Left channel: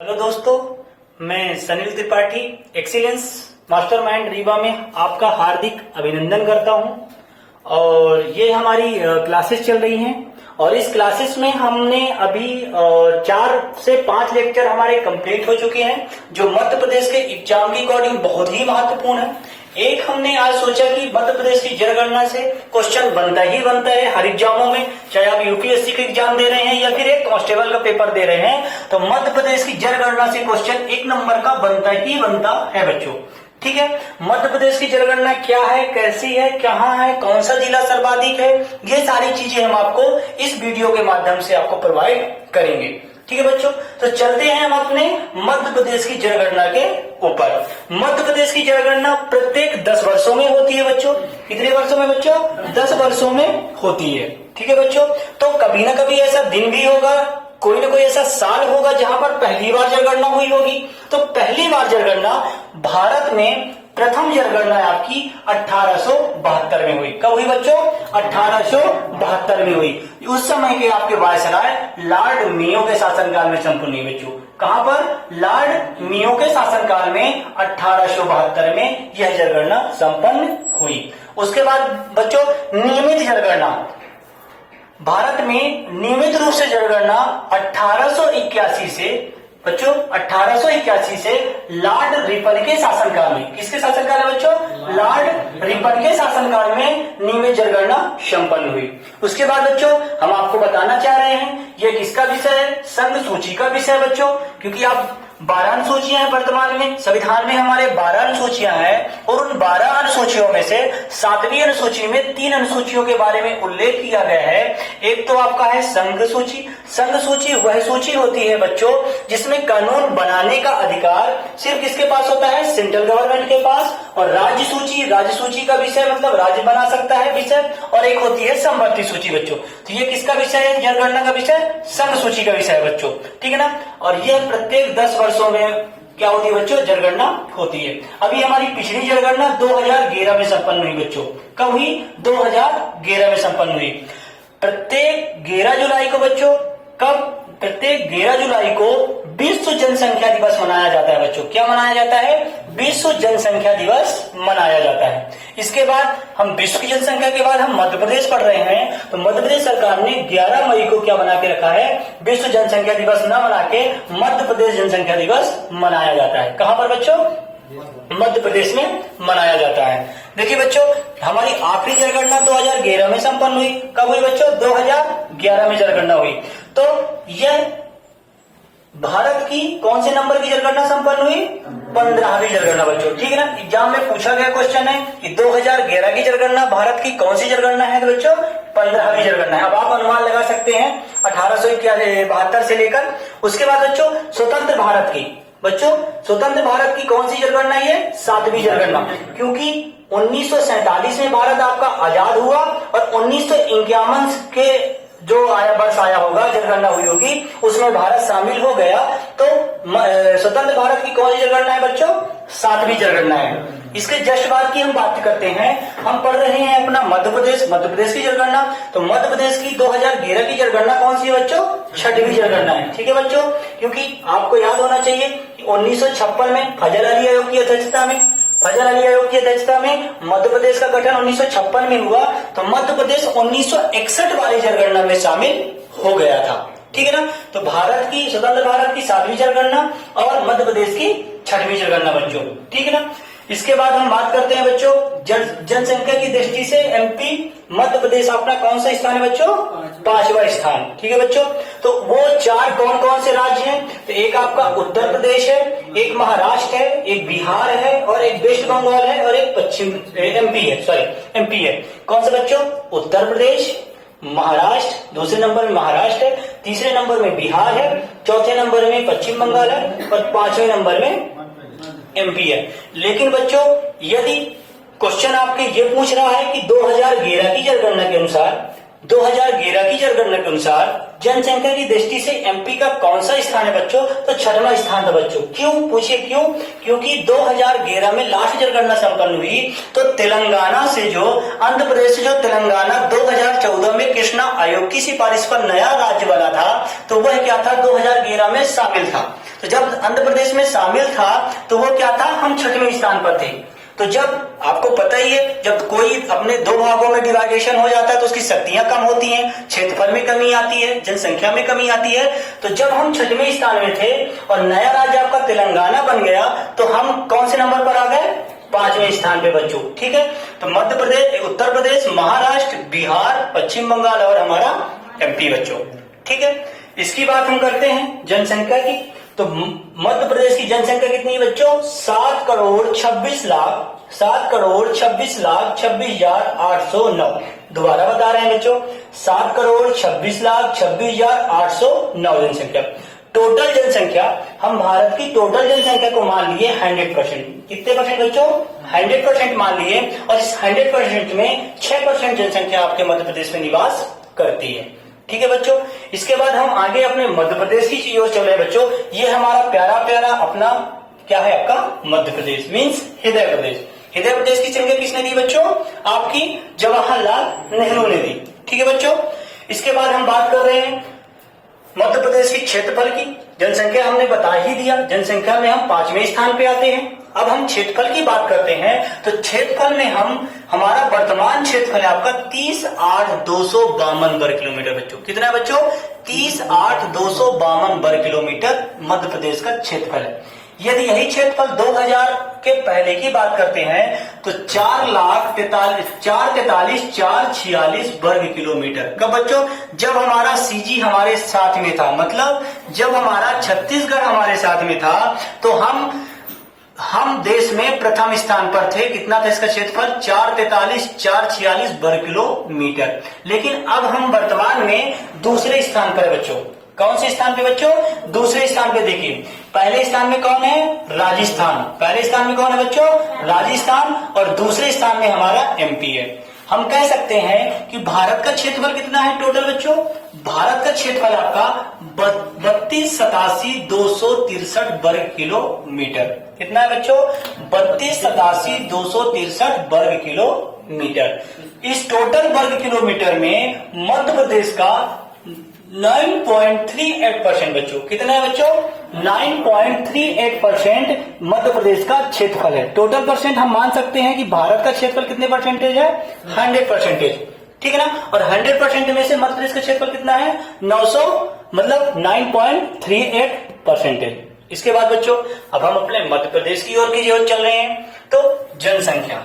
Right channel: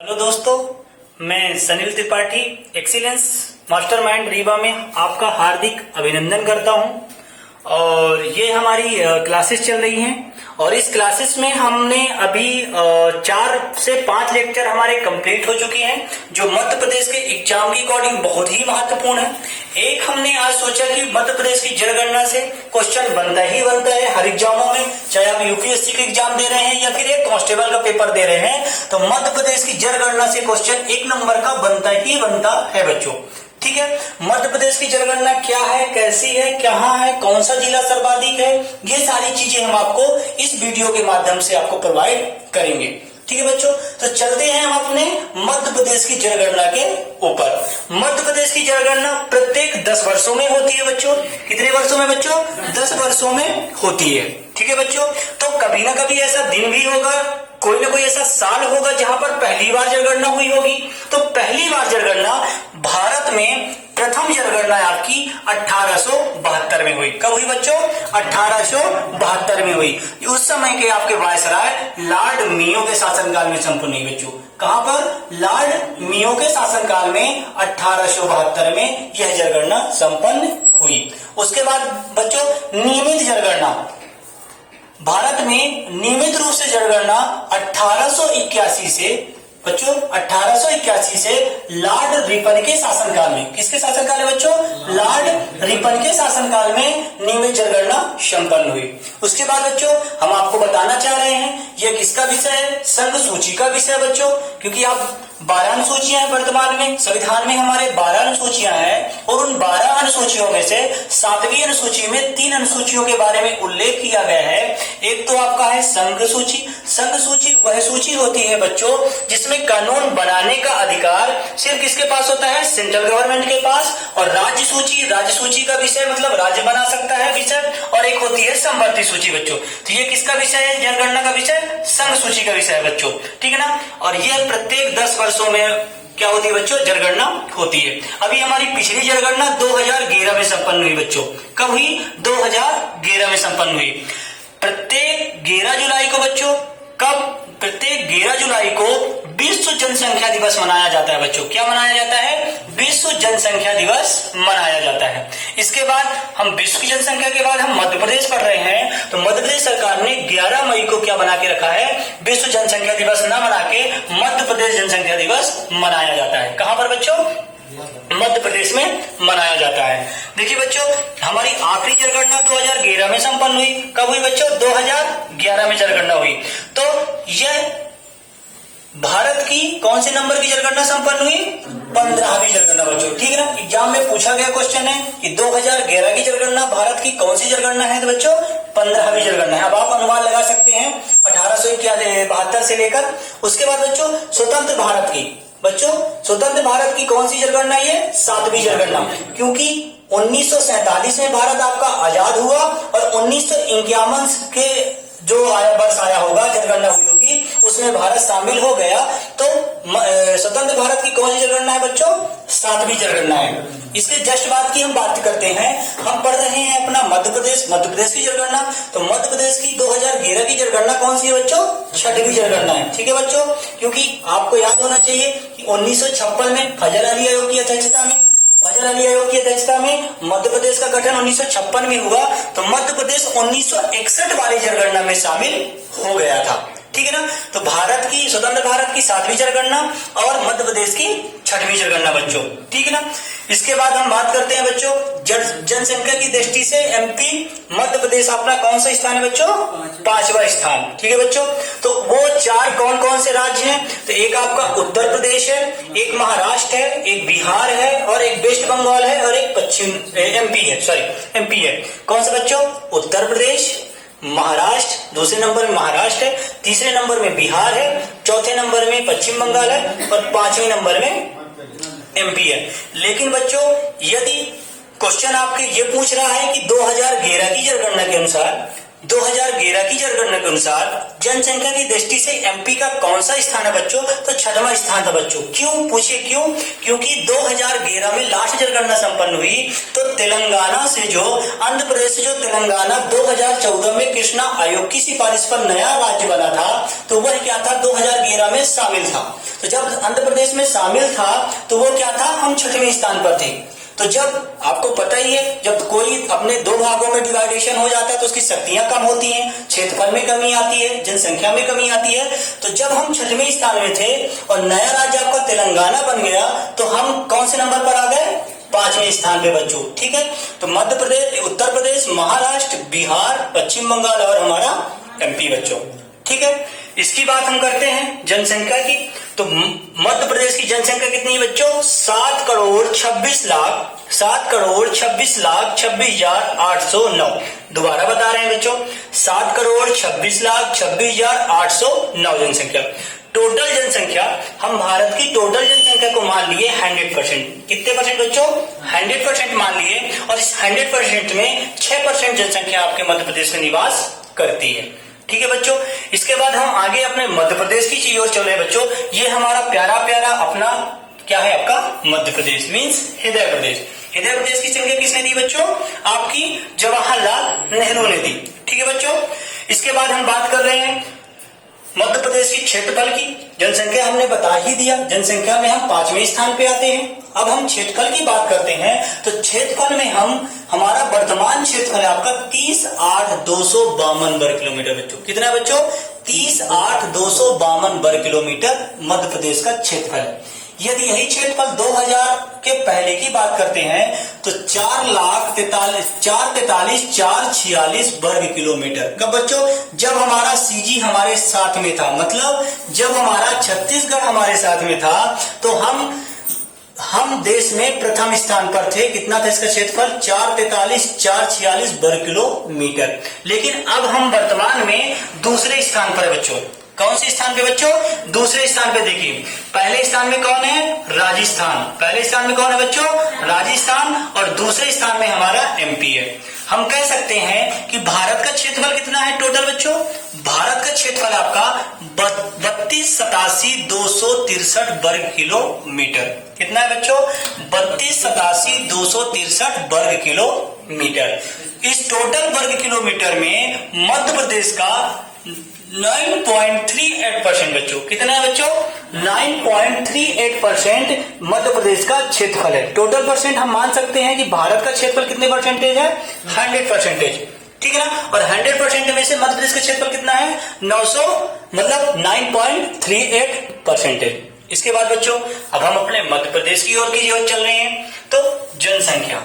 Hello दोस्तों, मैं Sanil Tripathi excellence mastermind Rewa में आपका हार्दिक अभिनंदन करता हूं। और ये हमारी क्लासेस चल रही हैं और इस क्लासेस में हमने अभी 4 से 5 लेक्चर हमारे कंप्लीट हो चुके हैं जो मध्य प्रदेश के एग्जाम की अकॉर्डिंग बहुत ही महत्वपूर्ण है। एक हमने आज सोचा कि मध्य प्रदेश की जनगणना से क्वेश्चन बनता ही बनता है हर एग्जामों में, चाहे आप यूपीएससी का एग्जाम दे रहे हैं या फिर एक कांस्टेबल का पेपर दे रहे हैं, तो मध्य प्रदेश की जनगणना से क्वेश्चन 1 नंबर का बनता ही बनता है बच्चों। ठीक है, मध्य प्रदेश की जनगणना क्या है, कैसी है, कहाँ है, कौन सा जिला सर्वाधिक है, ये सारी चीजें हम आपको इस वीडियो के माध्यम से आपको प्रोवाइड करेंगे। ठीक है बच्चों, तो चलते हैं हम अपने मध्य प्रदेश की जनगणना के ऊपर। मध्य प्रदेश की जनगणना प्रत्येक 10 वर्षों में होती है बच्चों। कितने वर्षों में बच्चों? 10 वर्षों में होती है। ठीक है बच्चों, तो कभी ना कभी ऐसा दिन भी होगा, कोई ना कोई ऐसा साल होगा जहां पर पहली बार जनगणना हुई होगी। तो पहली बार जनगणना भारत में प्रथम जनगणना आपकी 1872 में हुई। कब हुई बच्चों? 1872 में हुई। उस समय के आपके वायसराय लॉर्ड मेयो के शासनकाल में संपन्न हुई बच्चों। कहां पर? लॉर्ड मेयो के शासनकाल में 1872 में यह जनगणना संपन्न हुई। उसके बाद बच्चों नियमित जनगणना, भारत में नियमित रूप से जनगणना 1881 से बच्चों 1881 से लॉर्ड रिपन के शासनकाल में, किसके शासनकाल है बच्चों? लॉर्ड रिपन के शासनकाल में नियमित जनगणना संपन्न हुई। उसके बाद बच्चों हम आपको बताना चाह रहे हैं यह किसका विषय है? संघ सूची का विषय है बच्चों, क्योंकि आप 12 अनुसूचियां हैं वर्तमान में, संविधान में हमारे 12 अनुसूचियां हैं और उन 12 अनुसूचियों में से 7वीं अनुसूची में 3 अनुसूचियों के बारे में उल्लेख किया गया है। एक तो आपका है संघ सूची। संघ सूची वह सूची होती है बच्चों जिसमें कानून बनाने का अधिकार सिर्फ किसके पास होता है? सेंट्रल गवर्नमेंट के पास। और राज्य सूची, राज्य सूची का विषय मतलब राज्य बना सकता है विषय। और एक होती है समवर्ती सूची बच्चों। तो ये किसका विषय है? जनगणना का विषय संघ सूची का विषय है बच्चों। ठीक है ना। और यह प्रत्येक 10 वर्षों में क्या होती है बच्चों? जनगणना होती है। अभी हमारी पिछली जनगणना 2011 में संपन्न हुई बच्चों। कब हुई? 2011 में संपन्न हुई। प्रत्येक 11 जुलाई को बच्चों, कब? प्रत्येक 11 जुलाई को विश्व जनसंख्या दिवस मनाया जाता है बच्चों। क्या मनाया जाता है? विश्व जनसंख्या दिवस मनाया जाता है। इसके बाद हम विश्व की जनसंख्या के बाद हम मध्य प्रदेश पढ़ रहे हैं, तो मध्य प्रदेश सरकार ने 11 मई को क्या बना के रखा है? विश्व जनसंख्या दिवस न बना के मध्य प्रदेश जनसंख्या दिवस मनाया जाता है। कहां पर बच्चों? मध्य प्रदेश में मनाया जाता है। देखिए बच्चों हमारी आखिरी जनगणना 2011 में संपन्न हुई। कब हुई बच्चों? 2011 में जनगणना हुई। तो यह भारत की कौन से नंबर की जनगणना संपन्न हुई? 15वीं जनगणना बच्चों। ठीक है ना। एग्जाम में पूछा गया क्वेश्चन है कि 2011 की जनगणना भारत की कौन सी जनगणना है? तो बच्चों 15वीं जनगणना है। अब आप अनुमान लगा सकते हैं 1872 से लेकर। उसके बाद बच्चों स्वतंत्र भारत की, बच्चों स्वतंत्र भारत की कौन सी जनगणना है? 7वीं जनगणना, क्योंकि 1947 में भारत आपका आजाद हुआ और 1951 के जो वर्ष आया होगा जनगणना हुई होगी उसमें भारत शामिल हो गया। तो स्वतंत्र भारत की कौन सी जनगणना है बच्चों? 7वीं जनगणना है। इसके जस्ट बाद की हम बात करते हैं। हम पढ़ रहे हैं अपना मध्य प्रदेश की जनगणना। तो मध्य प्रदेश की 2011 की जनगणना कौन सी है बच्चों? 6वीं जनगणना है। ठीक है बच्चों, क्योंकि आपको याद होना चाहिए कि 1956 में फजल अली आयोग की अध्यक्षता में मध्य प्रदेश का गठन 1956 में हुआ। तो मध्य प्रदेश 1961 वाली जनगणना में शामिल हो गया था। ठीक है ना। तो भारत की, स्वतंत्र भारत की 7वीं जनगणना और मध्य प्रदेश की 6वीं जनगणना बच्चों। ठीक है ना। इसके बाद हम बात करते हैं बच्चों जनसंख्या की दृष्टि से एमपी, मध्य प्रदेश अपना कौन सा स्थान है बच्चों? 5वां स्थान। ठीक है बच्चों। तो वो 4 कौन कौन से राज्य हैं? तो एक आपका उत्तर प्रदेश है, एक महाराष्ट्र है, एक बिहार है और एक वेस्ट बंगाल है और एक पश्चिम एमपी है। कौन सा बच्चों? उत्तर प्रदेश, महाराष्ट्र, दूसरे नंबर में महाराष्ट्र है, तीसरे नंबर में बिहार है, चौथे नंबर में पश्चिम बंगाल है और 5वें नंबर में एमपी है। लेकिन बच्चों यदि क्वेश्चन आपके ये पूछ रहा है कि 2011 की जनगणना के अनुसार जनसंख्या की दृष्टि से एमपी का कौन सा स्थान है बच्चों? तो 6वां स्थान था बच्चों। क्यों? पूछिए क्यों? क्योंकि 2011 में लास्ट जनगणना संपन्न हुई तो तेलंगाना से जो, आंध्र प्रदेश से जो तेलंगाना 2014 में कृष्णा आयोग की सिफारिश पर नया राज्य बना था, तो वह क्या था? 2011 में शामिल था। तो जब आंध्र प्रदेश में शामिल था तो वो क्या था, हम 6वें स्थान पर थे। तो जब आपको पता ही है, जब कोई अपने दो भागों में डिवाइडेशन हो जाता है तो उसकी शक्तियां कम होती हैं, क्षेत्रफल में कमी आती है, जनसंख्या में कमी आती है। तो जब हम 6वें स्थान में थे और नया राज्य आपका तेलंगाना बन गया तो हम कौन से नंबर पर आ गए, 5वें स्थान पे बच्चों। ठीक है, तो मध्य प्रदेश, उत्तर प्रदेश, महाराष्ट्र, बिहार, पश्चिम बंगाल और हमारा एमपी बच्चों। ठीक है, इसकी बात हम करते हैं जनसंख्या की। तो मध्य प्रदेश की जनसंख्या कितनी है बच्चों, 7,26,26,26,26,809। दोबारा बता रहे हैं बच्चों, 7,26,26,26,809 जनसंख्या। टोटल जनसंख्या, हम भारत की टोटल जनसंख्या को मान लिए 100%। कितने परसेंट बच्चों, 100% मान लिए। और इस 100% में 6% जनसंख्या आपके मध्य प्रदेश में निवास करती है। ठीक है बच्चों, इसके बाद हम आगे अपने मध्य प्रदेश की चीज और चल रहे हैं बच्चों। ये हमारा प्यारा प्यारा अपना क्या है, आपका मध्य प्रदेश मीन्स हृदय प्रदेश। हृदय प्रदेश की संज्ञा किसने दी बच्चों, आपकी जवाहरलाल नेहरू ने दी। ठीक है बच्चों, इसके बाद हम बात कर रहे हैं मध्य प्रदेश की क्षेत्रफल की। जनसंख्या हमने बता ही दिया, जनसंख्या में हम 5वें स्थान पे आते हैं। अब हम क्षेत्रफल की बात करते हैं। तो क्षेत्रफल में हमारा वर्तमान क्षेत्रफल है आपका 30,8,252 वर्ग किलोमीटर बच्चों। कितना है बच्चों, 30,8,252 वर्ग किलोमीटर मध्य प्रदेश का क्षेत्रफल है। यदि यही क्षेत्रफल 2000 के पहले की बात करते हैं तो 4,43,446 वर्ग किलोमीटर। कब बच्चों, जब हमारा सीजी हमारे साथ में था, मतलब जब हमारा छत्तीसगढ़ हमारे साथ में था तो हम देश में प्रथम स्थान पर थे। कितना था इसका क्षेत्रफल, 4,43,446 वर्ग किलोमीटर। लेकिन अब हम वर्तमान में दूसरे स्थान पर है बच्चों। कौन से स्थान पे बच्चों, दूसरे स्थान पे। देखिए पहले स्थान में कौन है, राजस्थान। पहले स्थान में कौन है बच्चों, राजस्थान। और दूसरे स्थान में हमारा एमपी है। हम कह सकते हैं कि भारत का क्षेत्रफल कितना है टोटल बच्चों, भारत का क्षेत्रफल आपका 32,87,263 वर्ग किलोमीटर। कितना है बच्चों, 32,87,263 वर्ग किलोमीटर। इस टोटल वर्ग किलोमीटर में मध्य प्रदेश का 9.38% बच्चों। कितना है बच्चों, 9.38% मध्य प्रदेश का क्षेत्रफल है। टोटल परसेंट हम मान सकते हैं कि भारत का क्षेत्रफल कितने परसेंटेज है, 100%। ठीक है ना, और 100% में से मध्य प्रदेश का क्षेत्रफल कितना है, 900, मतलब 9.38%। इसके बाद बच्चों अब हम अपने मध्य प्रदेश की ओर चल रहे हैं। तो जनसंख्या,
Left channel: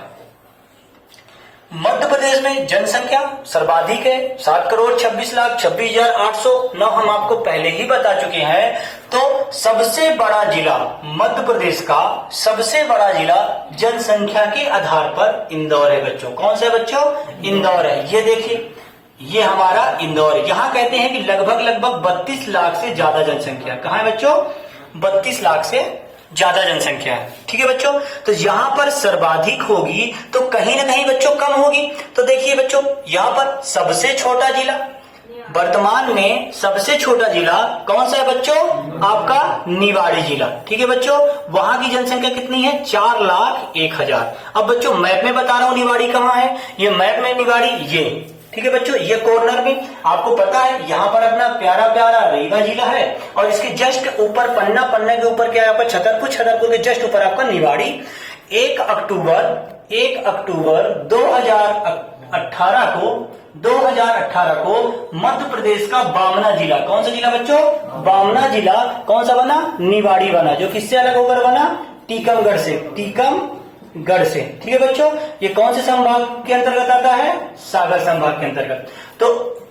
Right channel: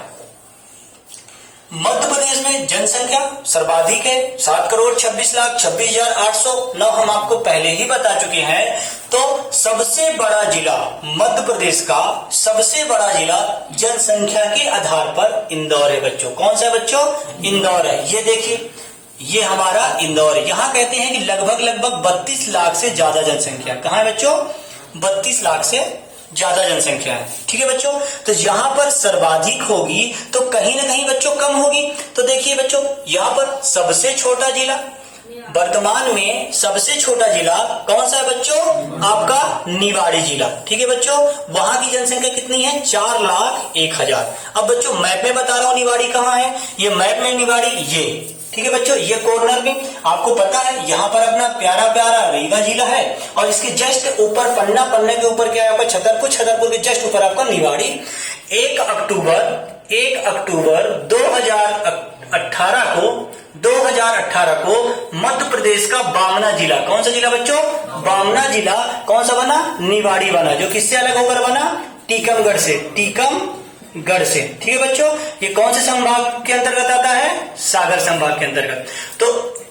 मध्य प्रदेश में जनसंख्या सर्वाधिक है, 7,26,26,809। हम आपको पहले ही बता चुके हैं। तो सबसे बड़ा जिला मध्य प्रदेश का, सबसे बड़ा जिला जनसंख्या के आधार पर इंदौर है बच्चों। कौन सा बच्चों, इंदौर है। ये देखिए, ये हमारा इंदौर है। यहां कहते हैं कि लगभग 32 लाख से ज्यादा जनसंख्या। कहां है बच्चों, 32 लाख से ज्यादा जनसंख्या है। ठीक है बच्चों, तो यहां पर सर्वाधिक होगी तो कहीं ना कहीं बच्चों कम होगी। तो देखिए बच्चों, यहां पर सबसे छोटा जिला, वर्तमान में सबसे छोटा जिला कौन सा है बच्चों, आपका निवाड़ी जिला। ठीक है बच्चों, वहां की जनसंख्या कितनी है, 4,01,000। अब बच्चों मैप में बता रहा हूं निवाड़ी कहाँ है। ये मैप में निवाड़ी, ये ठीक है बच्चों, ये कॉर्नर में आपको पता है यहाँ पर अपना प्यारा प्यारा रीवा जिला है। और इसके जस्ट ऊपर पन्ने के ऊपर क्या है आपका छतरपुर, छतरपुर के जस्ट ऊपर आपका निवाड़ी। 1 अक्टूबर 2018 को मध्य प्रदेश का बामना जिला, कौन सा जिला बच्चों, बामना जिला कौन सा बना, निवाड़ी बना। जो किससे अलग होकर बना, टीकमगढ़ से, टीकमगढ़ से। ठीक है बच्चों, ये कौन से संभाग के अंतर्गत आता है, सागर संभाग के अंतर्गत। तो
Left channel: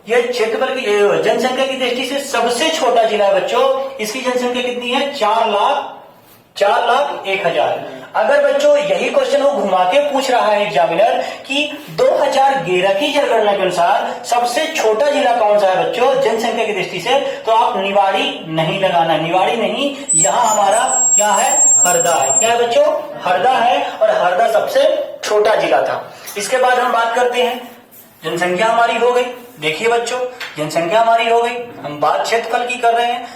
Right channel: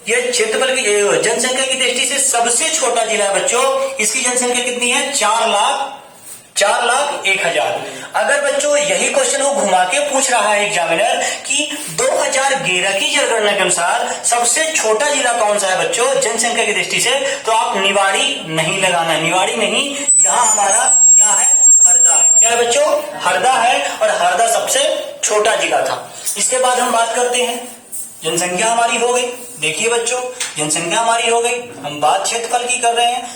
ये क्षेत्रफल की जनसंख्या की दृष्टि से सबसे छोटा जिला है बच्चों। इसकी जनसंख्या कितनी है, 4,01,000। अगर बच्चों यही क्वेश्चन वो घुमा के पूछ रहा है एग्जामिनर कि 2011 की जनगणना के अनुसार सबसे छोटा जिला कौन सा है बच्चों जनसंख्या की दृष्टि से, तो आप निवाड़ी नहीं लगाना, निवाड़ी नहीं। यहाँ हमारा क्या है, हरदा है। क्या है बच्चों, हरदा है। और हरदा सबसे छोटा जिला था। इसके बाद हम बात करते हैं, जनसंख्या हमारी हो गई। देखिए बच्चों, जनसंख्या हमारी हो गई, हम बात क्षेत्रफल की कर रहे हैं।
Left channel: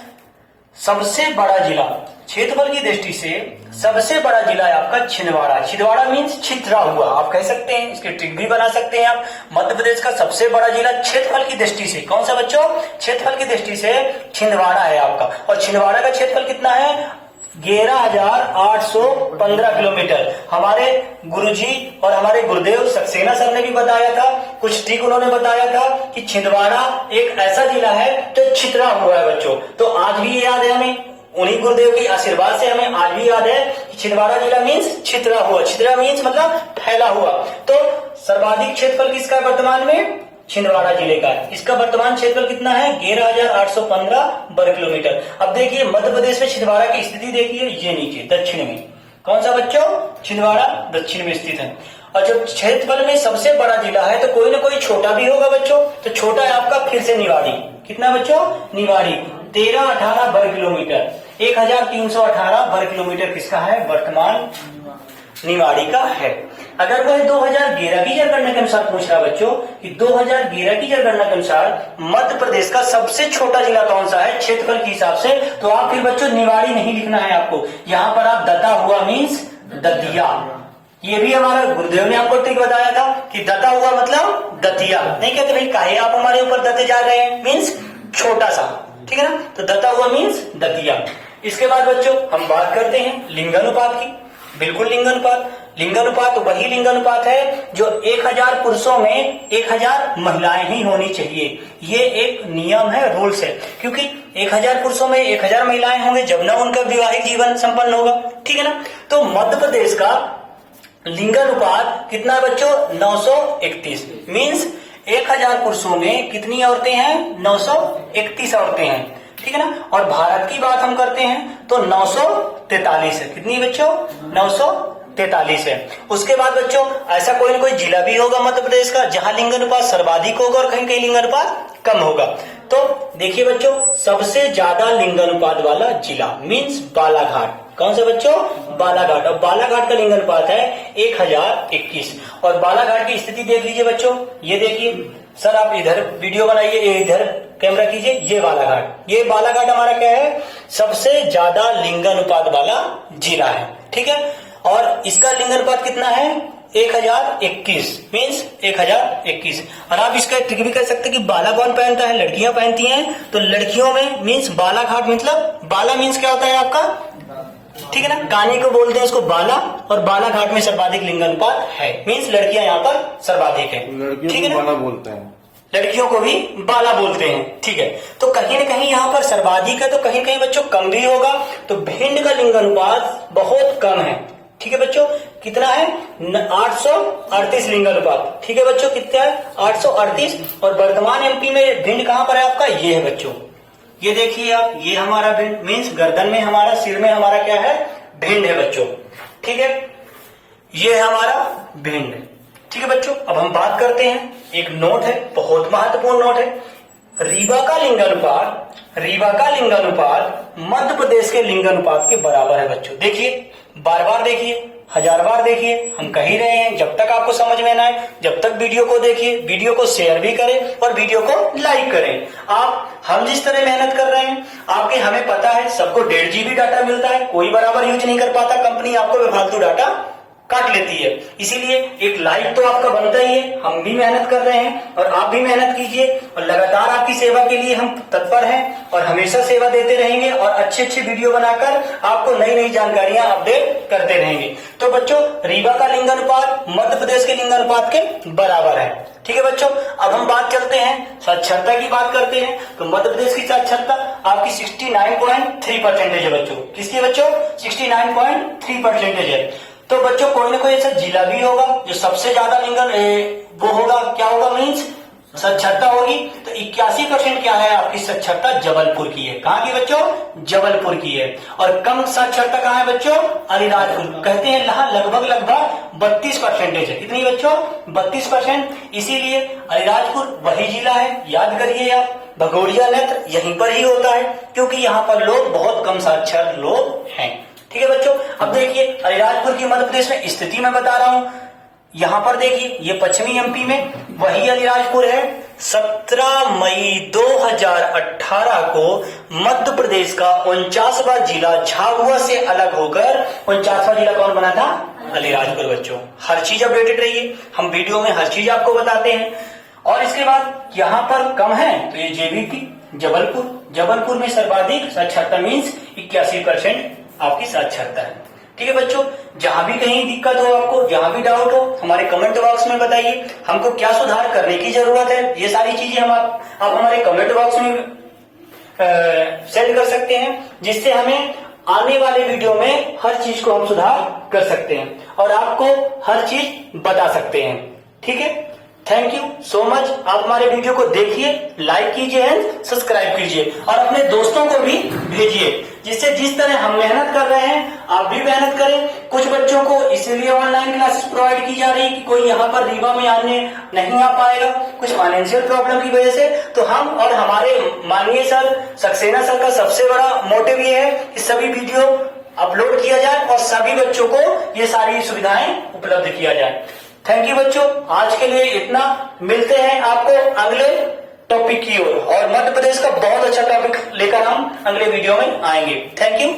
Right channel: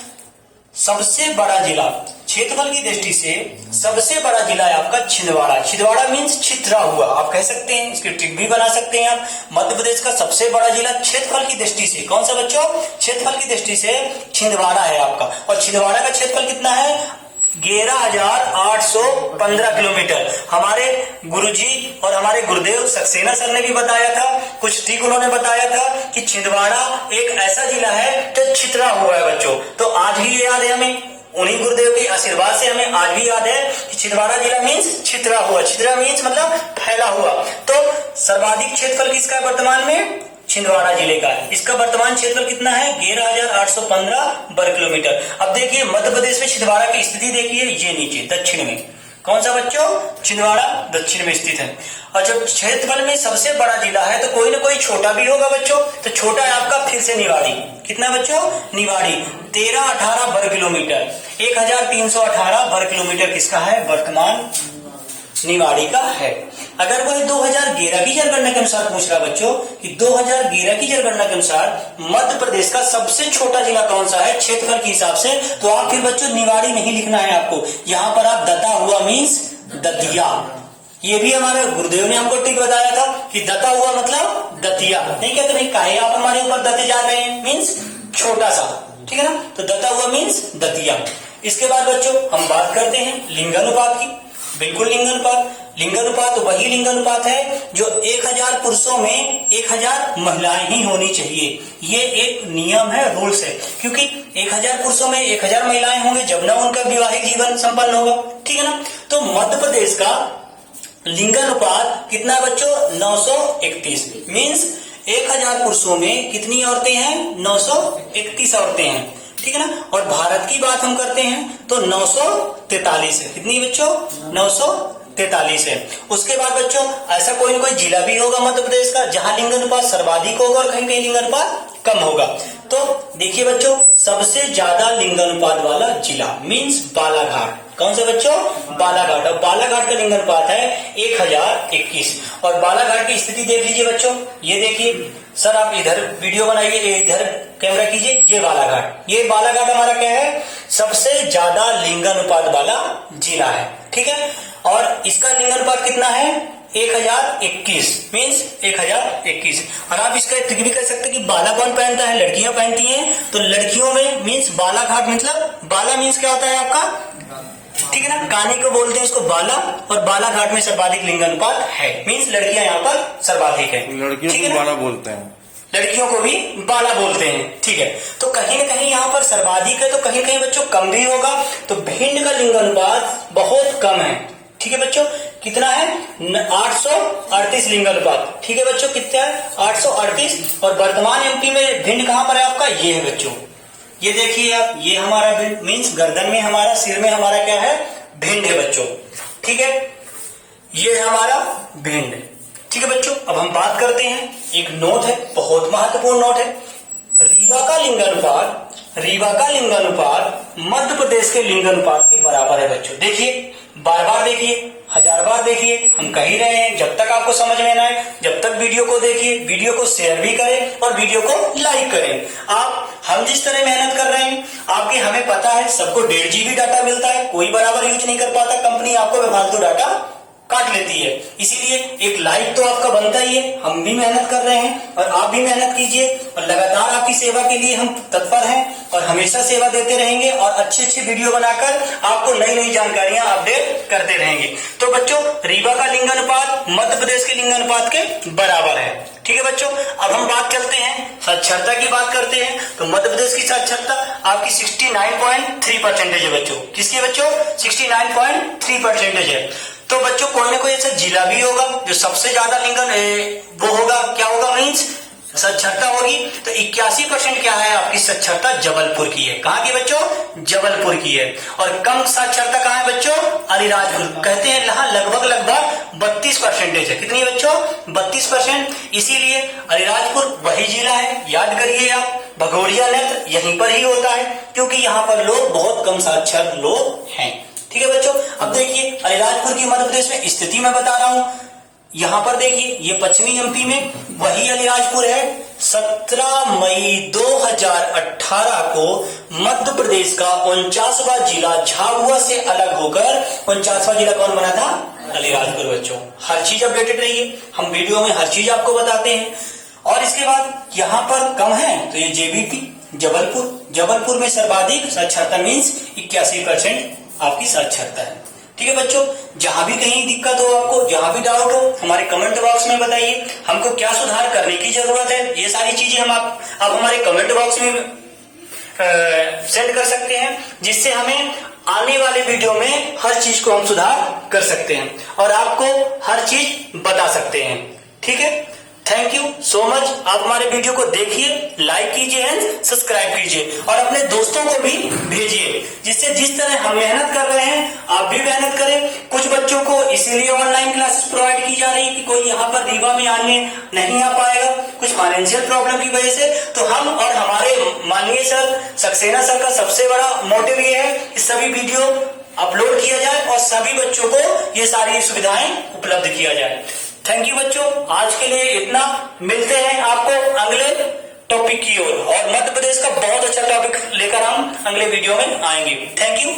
सबसे बड़ा जिला क्षेत्रफल की दृष्टि से सबसे बड़ा जिला है आपका छिंदवाड़ा। छिंदवाड़ा मीन्स छितरा हुआ, आप कह सकते हैं, इसकी ट्रिक भी बना सकते हैं आप। मध्य प्रदेश का सबसे बड़ा जिला क्षेत्रफल की दृष्टि से कौन सा बच्चों? क्षेत्रफल की दृष्टि से छिंदवाड़ा है आपका। और छिंदवाड़ा का क्षेत्रफल कितना है? 11,815 किलोमीटर। हमारे गुरुजी और हमारे गुरुदेव सक्सेना सर ने भी बताया था, कुछ ट्रिक उन्होंने बताया था कि छिंदवाड़ा एक ऐसा जिला है जो छितरा हुआ है बच्चों। तो आज भी ये याद है हमें, उन्हीं गुरुदेव की आशीर्वाद से हमें आज भी याद है कि छिंदवाड़ा जिला मीन्स छितरा हुआ। छितरा मीन्स मतलब फैला हुआ। तो सर्वाधिक क्षेत्रफल किसका है वर्तमान में? छिंदवाड़ा जिले का। इसका वर्तमान क्षेत्रफल कितना है? 11,815 वर्ग किलोमीटर। अब देखिए मध्य प्रदेश में छिंदवाड़ा की स्थिति देखिए, ये नीचे दक्षिण में। कौन सा बच्चों? छिंदवाड़ा दक्षिण में स्थित है। और जब क्षेत्रफल में सबसे बड़ा जिला है तो कोई ना कोई छोटा भी होगा बच्चों। तो छोटा है आपका फिर से निवाड़ी। कितना बच्चों? निवाड़ी 1318 वर्ग किलोमीटर। 1318 वर्ग किलोमीटर किसका है? वर्तमान निवाड़ी का है। अगर वह 2011 की जनगणना के अनुसार पूछ रहा बच्चों कि 2011 की जनगणना के अनुसार मध्य प्रदेश का सबसे छोटा जिला कौन सा है क्षेत्रफल के हिसाब से, तो आप फिर बच्चों निवाड़ी नहीं लिखना है आपको, यहाँ पर आप दता हुआ मीन्स दतिया। ये भी हमारे गुरुदेव ने हमको ट्रिक बताया था कि दता हुआ मतलब दतिया। नहीं कहते भाई काहे आप हमारे ऊपर दते जा रहे हैं, मीन्स छोटा सा, ठीक है ना। तो दता हुआ मीन्स दतिया। इसके बाद बच्चों हम बात करते हैं लिंगानुपात की। बिल्कुल लिंगानुपात। लिंगानुपात वही लिंगानुपात है जो 1000 पुरुषों में 1000 महिलाएं ही होनी चाहिए। ये एक नियम है, रूल्स है, क्योंकि 1000 पुरुषों में 1000 महिलाएं होंगे जब ना उनका वैवाहिक जीवन संपन्न होगा, ठीक है ना। तो मध्य प्रदेश का लिंगानुपात कितना बच्चों? 931 मीन्स 1000 पुरुषों में कितनी औरतें हैं? 931 औरतें हैं, ठीक है ना। और भारत की बात हम करते हैं तो 943 है। कितनी बच्चों? 943 है। उसके बाद बच्चों ऐसा कोई ना कोई जिला भी होगा मध्य प्रदेश का जहां लिंगानुपात सर्वाधिक होगा और कहीं कहीं लिंगानुपात कम होगा। तो देखिए बच्चों सबसे ज्यादा लिंगानुपात वाला जिला मीन्स बालाघाट। कौन सा बच्चों? बालाघाट। अब बालाघाट का लिंगानुपात है 1021। और बालाघाट की स्थिति देख लीजिए बच्चों, ये देखिए सर, आप इधर वीडियो बनाइए, इधर कैमरा कीजिए, ये बालाघाट। ये बालाघाट हमारा क्या है? सबसे ज्यादा लिंगानुपात वाला जिला है, ठीक है। और इसका लिंगानुपात कितना है? 1021 मीन्स 1021। और आप इसका ट्रिक भी कर सकते हैं कि बाला कौन पहनता है? लड़कियां पहनती हैं। तो लड़कियों में मीन्स बालाघाट, मतलब बाला मीन्स क्या होता है आपका? ठीक है ना, काने को बोलते हैं उसको बाला। और बालाघाट में सर्वाधिक लिंगानुपात है, मीन्स लड़कियां यहाँ पर सर्वाधिक है। लड़कियों को बाला बोलते हैं, लड़कियों को भी बाला बोलते हैं, ठीक है। तो कहीं ना कहीं यहाँ पर सर्वाधिक है तो कहीं कहीं बच्चों कम भी होगा। तो भिंड का लिंगानुपात बहुत कम है, ठीक है बच्चों। कितना है? 838 लिंगानुपात, ठीक है बच्चों। कितना है? 838। और वर्तमान एमपी में भिंड कहाँ पर है आपका? ये है बच्चों, ये देखिए आप, ये हमारा भिंड मीन्स गर्दन में हमारा, सिर में हमारा क्या है? भिंड है बच्चों, ठीक है। ये है हमारा भिंड, ठीक है बच्चों। अब हम बात करते हैं, एक नोट है, बहुत महत्वपूर्ण नोट है। रीवा का लिंगानुपात, रीवा का लिंगानुपात मध्य प्रदेश के लिंगानुपात के बराबर है बच्चों। देखिए, बार बार देखिए, 1000 बार देखिए, हम कह ही रहे हैं। जब तक आपको समझ में ना आए, जब तक वीडियो को देखिए, वीडियो को शेयर भी करें और वीडियो को लाइक करें। हम जिस तरह मेहनत कर रहे हैं, आपके हमें पता है सबको 1.5 GB डाटा मिलता है, कोई बराबर यूज नहीं कर पाता, कंपनी आपको बेफालतू डाटा काट लेती है। इसीलिए एक लाइक तो आपका बनता ही है। हम भी मेहनत कर रहे हैं और आप भी मेहनत कीजिए, और लगातार आपकी सेवा के लिए हम तत्पर हैं और हमेशा सेवा देते रहेंगे और अच्छे अच्छे वीडियो बनाकर आपको नई नई जानकारियां अपडेट करते रहेंगे। तो बच्चों रीवा का लिंगानुपात मध्य प्रदेश के लिंगानुपात के बराबर है, ठीक है बच्चों। अब हम बात चलते हैं साक्षरता की बात करते हैं। तो मध्य प्रदेश की साक्षरता आपकी 69.3% है बच्चों। किसकी बच्चों? 69.3% है। तो बच्चों कोई ना कोई ऐसा जिला भी होगा जो सबसे ज्यादा वो होगा, क्या होगा मीन्स साक्षरता होगी। तो 81% क्या है आपकी साक्षरता? जबलपुर की है। कहाँ की बच्चों? जबलपुर की है। और कम साक्षरता कहाँ है बच्चों? अलीराजपुर। कहते हैं यहाँ लगभग 32% है। कितनी बच्चों? 32%। इसीलिए अलीराजपुर वही जिला है, याद करिए आप। भगोरिया नृत्य यहीं पर ही होता है क्योंकि यहाँ पर लोग बहुत कम साक्षर लोग हैं, ठीक है बच्चों। अब देखिए अलीराजपुर की मध्य प्रदेश में स्थिति मैं बता रहा हूं। यहां पर देखिए, ये पश्चिमी एमपी में वही अलीराजपुर है, 17 मई 2018 को मध्य प्रदेश का 49वां जिला झाबुआ से अलग होकर 49वां जिला कौन बना था? अलीराजपुर। बच्चों हर चीज अपडेटेड रहिए, हम वीडियो में हर चीज आपको बताते हैं। और इसके बाद यहाँ पर कम है तो ये जेबीटी जबलपुर में सर्वाधिक साक्षरता मीन्स 81% आपकी साक्षरता है। ठीक है बच्चों, जहां भी कहीं दिक्कत हो, आपको जहां भी डाउट हो, हमारे कमेंट बॉक्स में बताइए हमको क्या सुधार करने की जरूरत है। ये सारी चीजें हम आप हमारे कमेंट बॉक्स में सेंड कर सकते हैं, जिससे हमें आने वाले वीडियो में हर चीज को हम सुधार कर सकते हैं और आपको हर चीज बता सकते हैं। ठीक है, थैंक यू सो मच। आप हमारे वीडियो को देखिए, लाइक कीजिए एंड सब्सक्राइब कीजिए और अपने दोस्तों को भी भेजिए, जिससे जिस तरह हम मेहनत कर रहे हैं आप भी मेहनत करें। कुछ बच्चों को इसीलिए ऑनलाइन क्लासेस प्रोवाइड की जा रही है कि कोई यहाँ पर रीवा में आने नहीं आ पाएगा कुछ फाइनेंशियल प्रॉब्लम की वजह से। तो हम और हमारे माननीय सर सक्सेना सर का सबसे बड़ा मोटिव ये है कि सभी वीडियो अपलोड किया जाए और सभी बच्चों को ये सारी सुविधाएं उपलब्ध किया जाए। थैंक यू बच्चों, आज के लिए इतना। मिलते हैं आपको अगले टॉपिक की ओर और मध्य प्रदेश का बहुत अच्छा टॉपिक लेकर हम अगले वीडियो में आएंगे। Thank you.